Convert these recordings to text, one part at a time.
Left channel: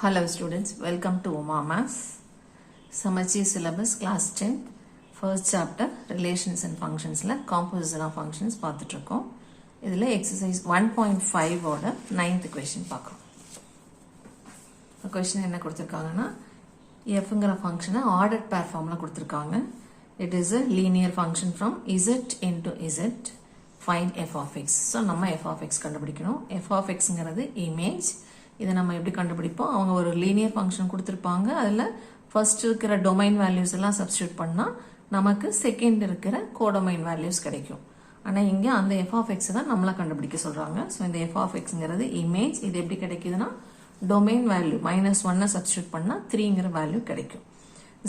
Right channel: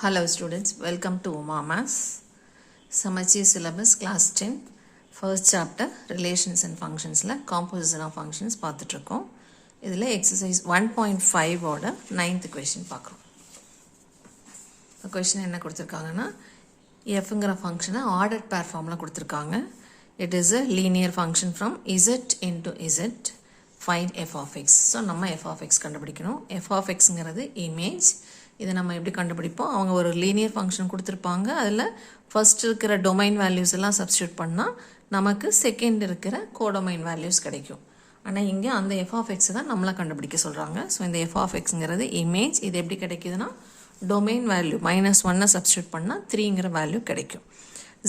Hello students, welcome to Maths. Samacheer syllabus class 10 first chapter relations and functions la composition of functions பார்த்துட்டு இருக்கோம். இதில் exercise 1.5 ஓட 9th question பார்க்குறோம். question என்ன கொடுத்துருக்காங்கன்னா fங்கிற ஃபங்க்ஷனை ஆர்டர்ட் பேர் ஃபார்மில் கொடுத்துருக்காங்க. It is a linear function from z into z. Find f of x. So நம்ம f of x கண்டுபிடிக்கணும். f of xங்கிறது இமேஜ். இதை நம்ம எப்படி கண்டுபிடிப்போம்? அவங்க ஒரு லீனியர் ஃபங்க்ஷன் கொடுத்துருப்பாங்க. அதில் ஃபர்ஸ்ட் இருக்கிற டொமைன் வேல்யூஸ் எல்லாம் சப்ஸ்டியூட் பண்ணால் நமக்கு செகண்ட் இருக்கிற கோடொமைன் வேல்யூஸ் கிடைக்கும். ஆனால் இங்கே அந்த எஃப் ஆஃப் எக்ஸ் தான் நம்மளை கண்டுபிடிக்க சொல்கிறாங்க. ஸோ இந்த எஃப் ஆஃப் எக்ஸுங்கிறது இமேஜ். இது எப்படி கிடைக்குதுன்னா டொமைன் வேல்யூ -1 சப்ஸ்டியூட் பண்ணால் 3ங்கிற வேல்யூ கிடைக்கும்.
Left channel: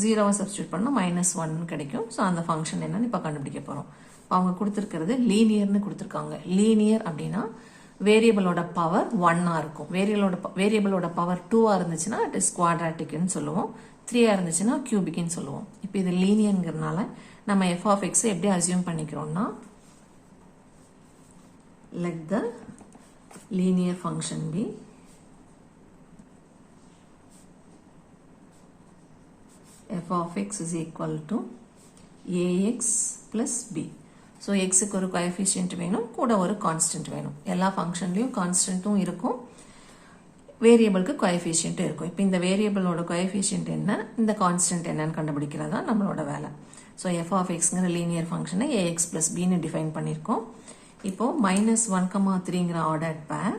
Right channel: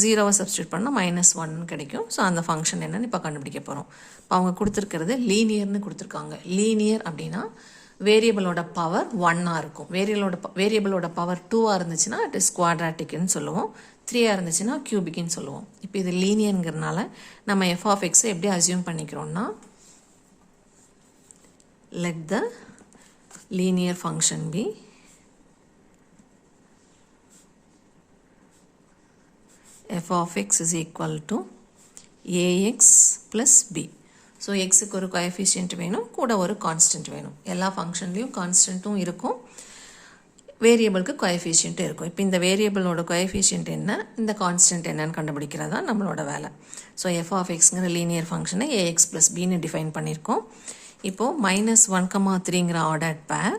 0 சப்ஸ்டியூட் பண்ணால் -1 கிடைக்கும். ஸோ அந்த ஃபங்க்ஷன் என்னன்னு இப்போ கண்டுபிடிக்க போகிறோம். இப்போ அவங்க கொடுத்துருக்கிறது லீனியர்னு கொடுத்துருக்காங்க. லீனியர் அப்படின்னா வேரியபிளோட பவர் 1ஆக இருக்கும். வேரியபிளோட பவர் 2ஆக இருந்துச்சுன்னா இட் இஸ் குவாட்ராட்டிக்னு சொல்லுவோம். 3ஆக இருந்துச்சுன்னா கியூபிக்னு சொல்லுவோம். இப்போ இது லீனியருங்கிறதுனால நம்ம எஃப் ஆஃப் எக்ஸை எப்படி assume பண்ணிக்கிறோம்னா let the linear function be f of x is equal to ax plus b. So எக்ஸுக்கு ஒரு கோஎஃபிஷியன்ட் வேணும், கூட ஒரு கான்ஸ்டன்ட் வேணும். எல்லா ஃபங்க்ஷன்லேயும் கான்ஸ்டன்ட்டும் இருக்கும், வேரியபிளுக்கு கோஎஃபிஷியன்ட்டும் இருக்கும். இப்போ இந்த வேரியபிளோட கோஎஃபிஷியன்ட் என்ன, இந்த கான்ஸ்டன்ட் என்னன்னு கண்டுபிடிக்கிறதா நம்மளோட வேலை. ஸோ எஃப் ஆஃப் எக்ஸுங்கிற லீனியர் ஃபங்க்ஷனை ஏஎக்ஸ் ப்ளஸ் பின்னு டிஃபைன் பண்ணியிருக்கோம். இப்போது -1,3ங்கிற ஆர்டர்ட் பேர்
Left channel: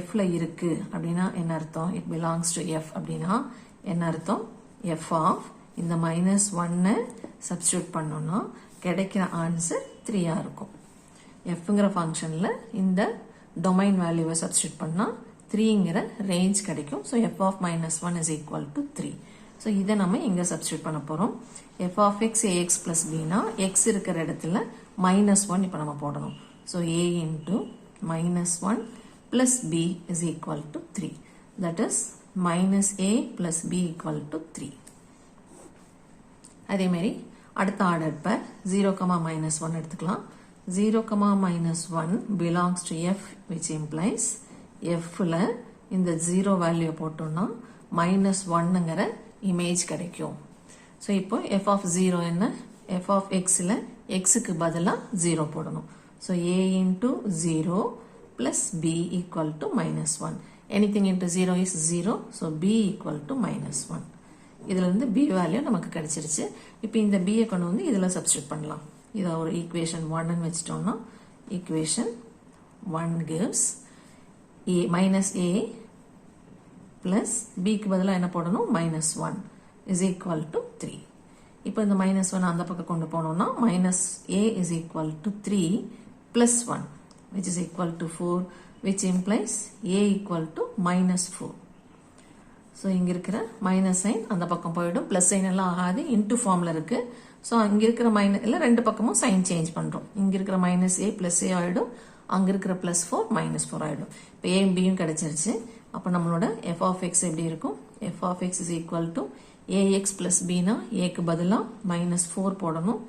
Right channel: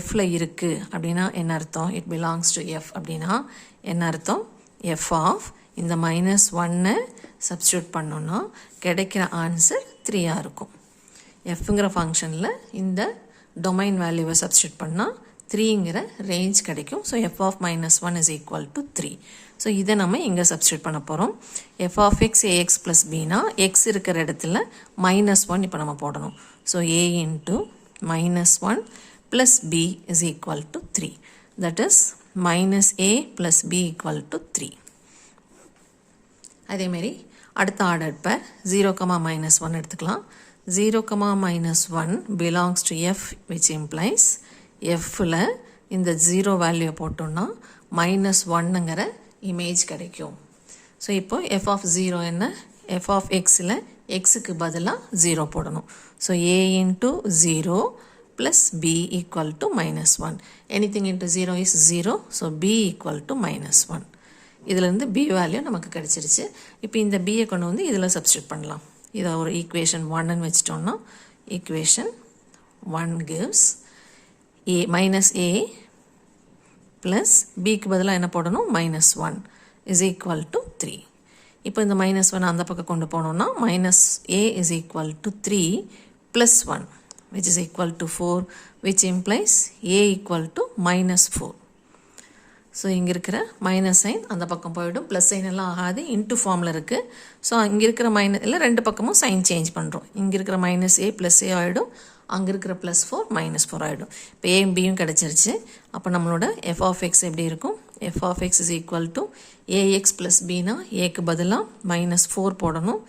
எஃப்ல இருக்குது அப்படின்னா என்ன அர்த்தம்? இட் பிலாங்ஸ் டு எஃப் அப்படின்னா என்ன அர்த்தம்? எஃப் ஆஃப் இந்த -1 சப்ஸ்டியூட் பண்ணோன்னா கிடைக்கிற ஆன்சர் 3ஆக இருக்கும். எஃப்ங்கிற ஃபங்க்ஷனில் இந்த டொமைன் வேல்யூவை சப்ஸ்டியூட் பண்ணால் 3ங்கிற ரேஞ்ச் கிடைக்கும். So f of -1 is equal to 3. So இதை நம்ம இங்கே சப்ஸ்டியூட் பண்ண போகிறோம். F of x ax plus பினா எக்ஸ் இருக்கிற இடத்துல -1 இப்போ நம்ம போடணும். So a into -1 plus b is equal to 3. That is -a plus b equal to 3. அதேமாரி அடுத்த ஆர்டர் பேர் 0,-1 எடுத்துக்கலாம். 0,-1 belongs to f which implies எஃப்பில் இந்த 0 வேல்யூ போட்டோம்னா -1ங்கிற இமேஜ் கிடைக்கும். ஸோ இப்போ எஃப் ஆஃப் 0 என்ன? எஃப் ஆஃப் எக்ஸில் எக்ஸுக்கு பதிலாக 0 போடணும். So a into 0 plus b equal to -1. Anything into 0 is 0. So b equal to -1. இதிலேருந்து b வேல்யூ நமக்கு கிடைச்சிருச்சு. இப்போ இந்த b கொண்டு வந்து இதில் சப்ஸ்டியூட் பண்ணலாம். இதை ஒரு ஈக்குவேஷன் 1ன்னு வச்சிட்டோம்னா ஈக்குவேஷன் 1 gives a ப்ளஸ் பிக்கு பதிலாக என்ன போடணும்? -1 இஸ் ஈக்குவல் டு 3. இப்போ இந்த -1 அந்த பக்கம் கொண்டு போனோம்னா -a is equal to 3 plus 1 which is equal to 4 which implies a equal to -4. So இங்கே இருக்கிற மைனஸ் சைன் அந்த பக்கம் போயிடும், ப்ளஸ் சைன் எல்லாம் ஆகாது, இன்ட்டு ஃபார்மில் இருக்குது. ஸோ அங்கே இருக்கிற இல்லை ரெண்டு பக்கமும் சைன் சேஞ்ச் பண்ணுறோம். இங்கே இருக்கிற -a ப்ளஸ் a ஆகிடும், அங்கே இருக்கிற +4 -4 ஆகிடும். இப்போ ஏ பியும் கிடச்சிருச்சு. அப்போ நம்மளோட எஃப் ஆஃப் எக்ஸ் எப்படி இருக்கும்? F of X is equal to ax plus பினா ஏக்கு பதிலாக -4 போடணும்,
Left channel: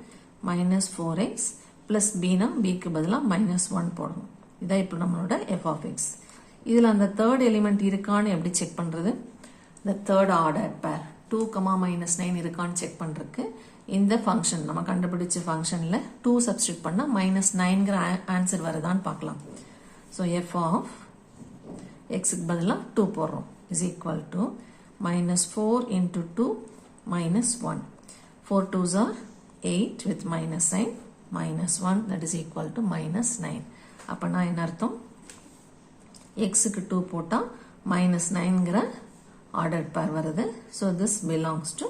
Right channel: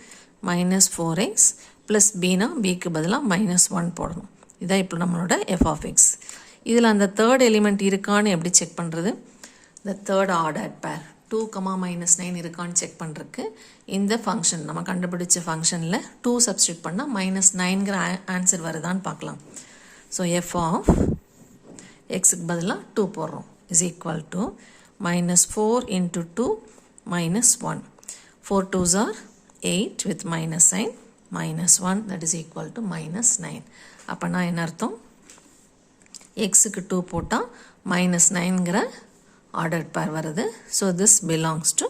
-4x ப்ளஸ் பினா பிக்கு பதிலாக -1 போடணும். இதான் இப்போ நம்மளோட எஃப் ஆஃப் எக்ஸ். இதில் அந்த தேர்ட் எலிமெண்ட் இருக்கான்னு எப்படி செக் பண்ணுறது? இந்த தேர்ட் ஆர்டர் பேர் 2,-9 இருக்கான்னு செக் பண்ணுறதுக்கு இந்த ஃபங்க்ஷன் நம்ம கண்டுபிடிச்ச ஃபங்க்ஷனில் 2 சப்ஸ்டியூட் பண்ணால் -9ங்கிற ஆன்சர் வருதான்னு பார்க்கலாம். ஸோ எஃப் ஆஃப் எக்ஸுக்கு பதிலாக 2 போடுறோம் is equal to -4 into 2 -1. 4 2s are 8 with minus sign -1 that is equal to -9. அப்போனா என்ன அர்த்தம்? எக்ஸுக்கு 2 போட்டால் -9ங்கிற ஆர்டர்ட் பேர் வருது. So this belongs to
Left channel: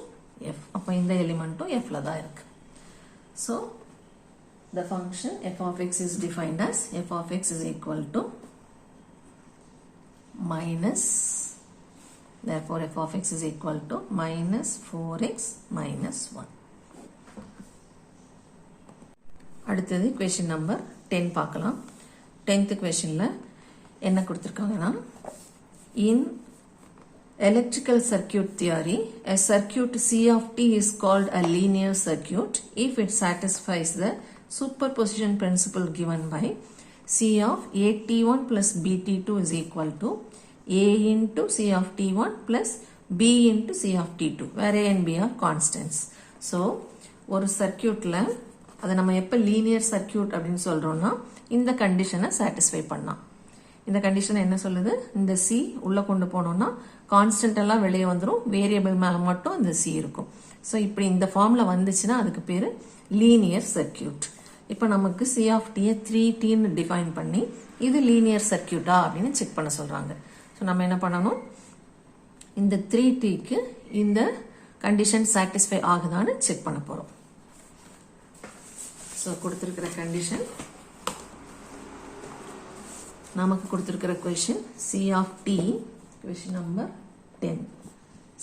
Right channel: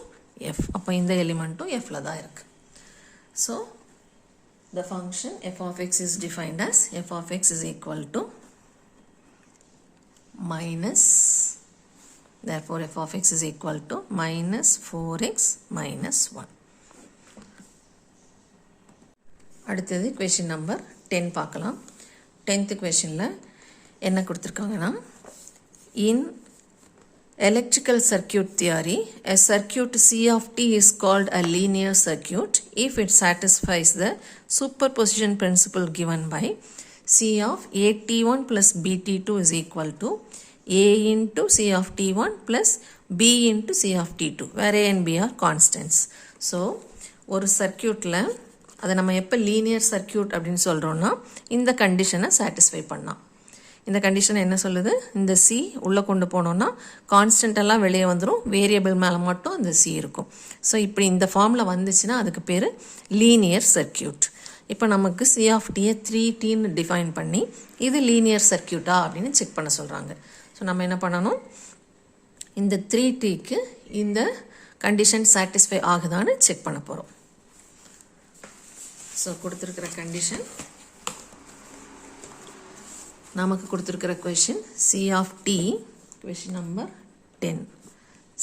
F. அப்போ இந்த எலிமெண்ட்டும் எஃப்ல தான் இருக்கு. So the function F of X is defined as F of X is equal to therefore f of x is equal to -4x -1. அடுத்தது கொஸ்டின் நம்பர் 10 பார்க்கலாம். 10th கொஸ்டினில் என்ன கொடுத்துருக்காங்கன்னா இன் electrical circuit theory, a circuit C of t is called a linear circuit if it satisfies the superposition principle given by C of at1 plus bt2 is equal to A into C of T1 plus B into C of T2, where A and B are constants. So, ஒரு சர்க்கியூட்டில் அதை நம்ம எப்போ linear circuit அப்படின்னு சொல்கிறோன்னா இந்த கண்டிஷனை satisfy பண்ணலாம். இந்த கண்டிஷன் என்ன சொல்லுது? இந்த C உள்ளே கொண்டு போனோன்னா கான்ஸ்டன்ட் எல்லாம் வெளியே வந்துடும், வேரியபிள் மேலே மட்டும் இந்த C இருக்கும். ஸோ இப்படி இந்த ஃபார்மில் வந்துச்சுன்னா அதுக்கு பேர் லீனியர் சர்க்கியூட். இப்போ நமக்கு C of T-யை 3Tன்னு டிஃபைன் பண்ணி இது லீனியர் சர்க்கியூட்டா அப்படின்னு செக் பண்ண சொல்கிறாங்க. ஸோ நம்ம என்ன பண்ணணும்? இந்த 3Tக்கு இந்த கண்டிஷன் சாட்டிஸ்ஃபை ஆகுதான்னு செக் பண்ண போகிறோம். ஸோ கொடுத்துருக்கிற கண்டிஷன், நமக்கு கொடுத்துருக்கிற question C of T, question number 10.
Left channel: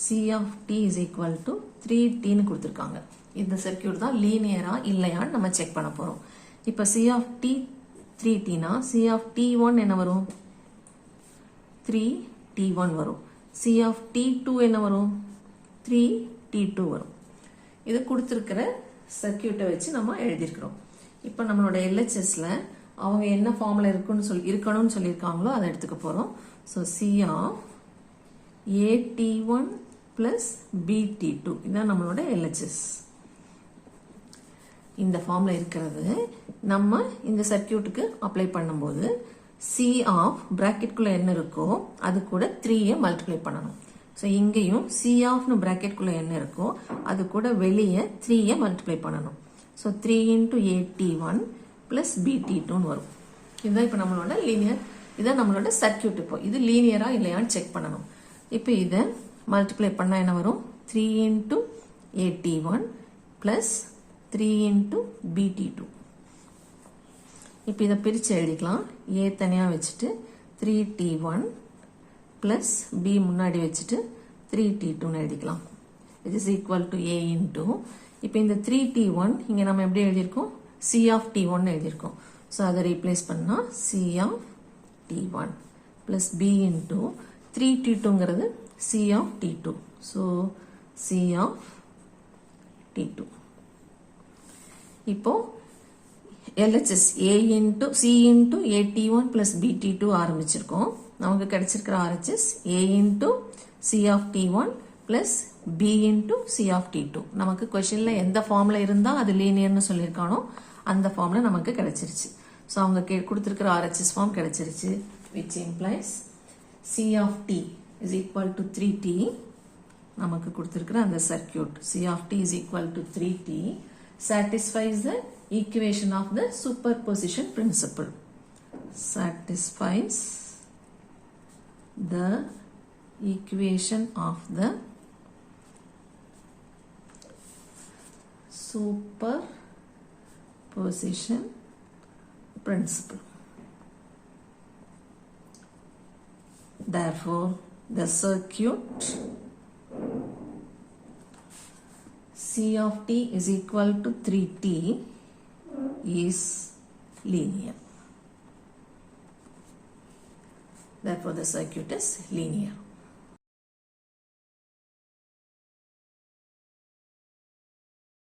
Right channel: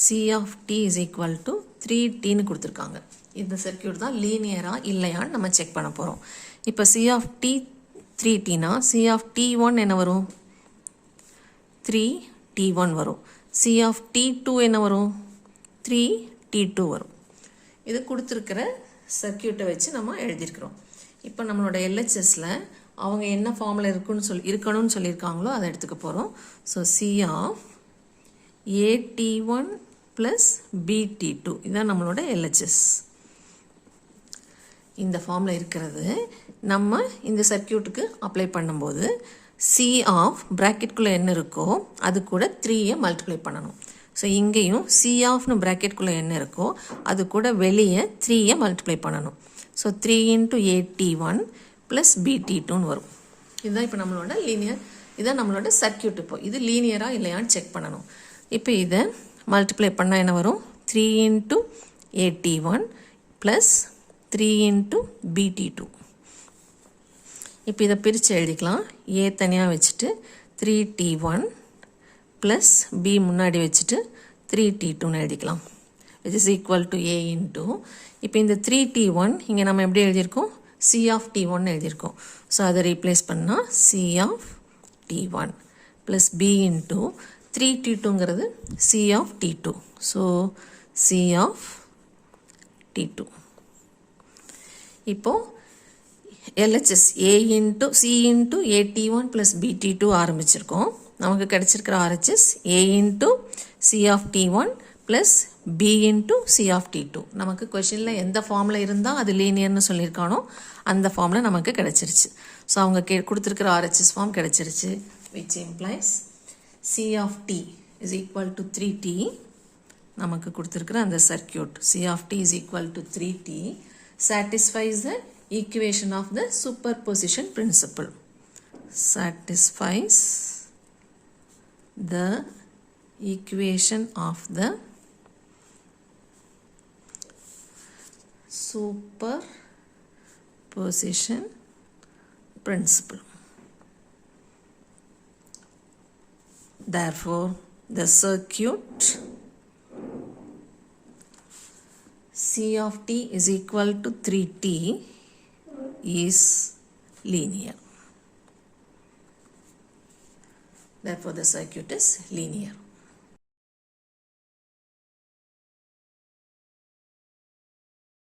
C of T is equal to 3Tன்னு கொடுத்துருக்காங்க. இந்த சர்க்கியூட் தான் லீனியரா இல்லையான்னு நம்ம செக் பண்ண போகிறோம். இப்போ C of T 3Tனா C of T1 என்ன வரும்? 3T1 வரும். C of T2 என்ன வரும்? 3T2 வரும். இது கொடுத்துருக்கிற சர்க்கியூட்டை வச்சு நம்ம எழுதியிருக்கிறோம். இப்போ நம்மளோட LHSல அவங்க என்ன ஃபார்மில் இருக்கணும்னு சொல்லியிருக்காங்களோ அதை எடுத்துக்க போகிறோம். So C of AT1 plus BT2 இதுதான் நம்மளோட LHS. இந்த ஃபார்மில் இருக்கிறது நம்ம இந்த சர்க்கியூட்டுக்கு அப்ளை பண்ணும்போது C ஆஃப் ப்ராக்கெட்குள்ளே என்ன இருக்கோ அது கூட 3யை மல்டிப்ளை பண்ணணும். ஸோ இங்கேயும் C ஆஃப்னு ப்ராக்கெட்குள்ளே என்ன இருக்கோ அது கூட வெளியே 3யை மல்டிப்ளை பண்ணணும். ஸோ 3 into AT1 ப்ளஸ் BT2ன்னு வரும். இதுதான் இப்போ நம்மளோட லீனியர், இதுதான் நம்மளோட சர்க்கியூட். இப்போ இது லீனியராக இல்லையான்னு செக் பண்ணணும். இப்போ இதை மல்டிப்ளை பண்ணால் என்ன வரும்? 3 into AT1 plus 3 into BT2. இப்போ இதை பிரித்து எழுதிக்கலாம். A தனியாக வச்சுட்டு 3T1 ப்ளஸ் B முன்னாடி வச்சுட்டு 3T2ன்னு எழுதிக்கலாம். Which is equal to A into, இப்போ இந்த 3T1 இங்கே நம்ம எப்படி எழுதியிருக்கோம்? C of T1 எழுதியிருக்கோம். ஸோ அதை ரீப்ளேஸ் பண்ணால் C of T1 plus B into 3T2ங்கிறது C of T2. So C of T2. இப்போது LHS A into C into AT1 plus BT2 ஆரம்பிச்சிருக்கோம். நமக்கு கிடைச்சிருக்கிற RHS A into C of T1 plus B into C of T2. நமக்கு கொஷனில் எந்த ஃபார்மில் இருந்தால் அது லீனியர்னு சொல்லியிருக்கானோ அந்த ஃபார்மில் நமக்கு கிடைச்சிருச்சு. ஸோ அவங்க கொடுத்துருக்கிற RHS ஃபார்ம் கிடைச்சிருச்சு. which implies C of T is equal to 3T. நமக்கு கொடுத்துருக்கிற அந்த circuit C of T is equal to 3T satisfies the equation of the superposition principle. Satisfies the equation of the superposition principle. Therefore, the circuit C of T is equal to 3T is linear. Therefore, the circuit is linear.